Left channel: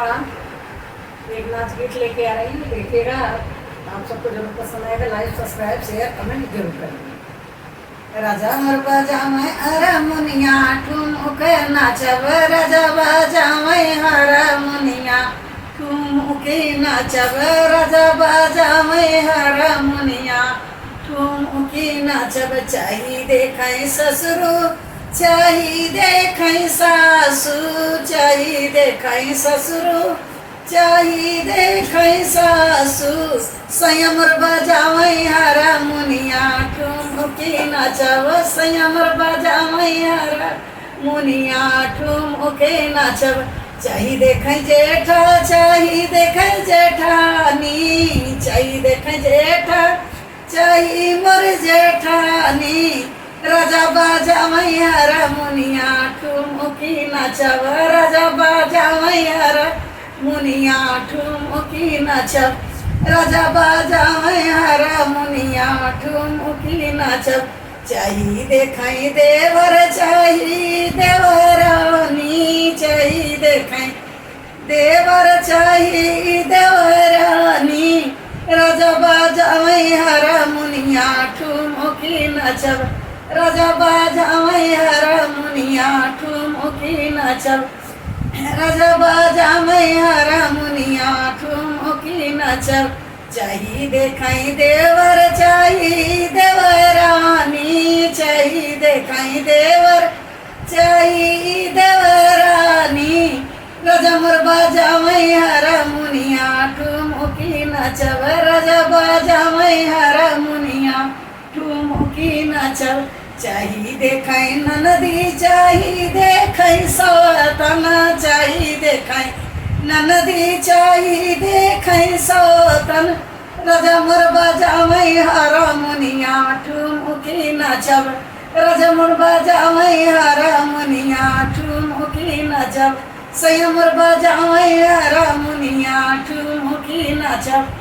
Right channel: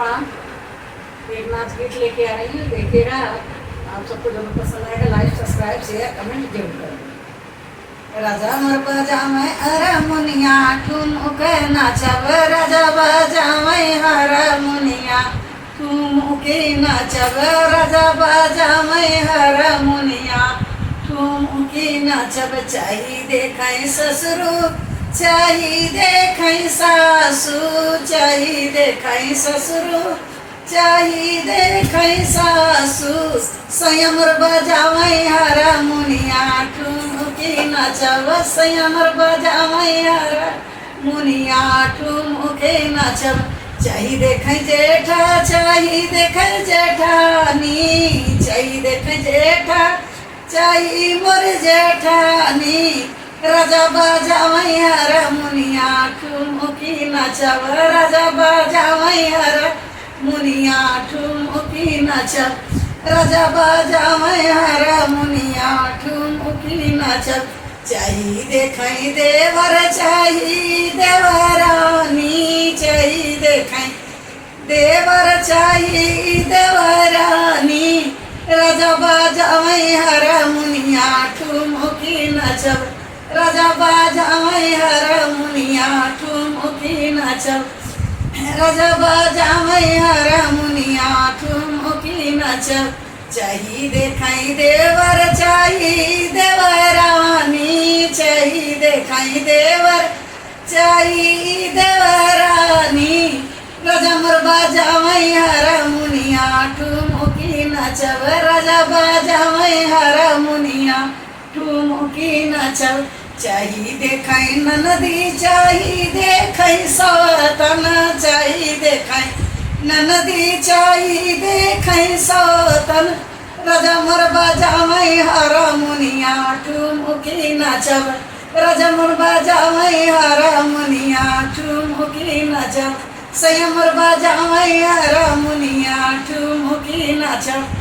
प्रणाम। एक नाच गीत लेके आ रही हूँ, देखिएगा। आप सबको जरूर पसंद आएगा। लाइक, सब्सक्राइब, शेयर, कमेंट जरूर करें। राजा मोर बजावे हारमोनिया, ठुमक नाचब राजा बजावे हारमोनिया, ठुमके नाचब राजा बजावे हारमोनिया, ठुमके नाचब। चाही देखै ससुरो, चाही देखै सासु, चाही देखै ससुरो, चाही देखै सासु। संयमर बजावै हारमोनिया, ठुमके नाचब संयमर बजावै हारमोनिया, ठुमके नाचब। चाही देखै जेठा, चाही देखै जेठानी, चाही देखै जेठा, चाही मोर जेठानी। राजा बजावै हारमोनिया, ठुमके नाचब राजा बजावै हारमोनिया, ठुमके नाचब। राजा बजावै हारमोनिया, ठुमके नाचब। चाही देखै देवर, चाही देवरानी, चाही देखै देवर, चाही देवरानी। राजा बजावै हारमोनिया, ठुमके नाचब राजा बजावै हारमोनिया, ठुमके नाचब। राजा बजावै हारमोनिया, ठुमके नाचब। चाही देखै देवर, चाही देवरानी, चाही देखै देवर, चाही देवरानी। राजा मोर बजावै हारमोनिया, ठुमके नाचब राजा बजावै हारमोनिया, ठुमके नाचब। चाही देखै ननदी, चाही देखै सौतन, चाही देखै ननदी, चाही देखै सौतन। राजा मोर बजावै हारमोनिया, ठुमके नाचब राजा मोर बजावै हारमोनिया, ठुमके नाचब। संयम मोर बजावै हारमोनिया, ठुमके नाचब।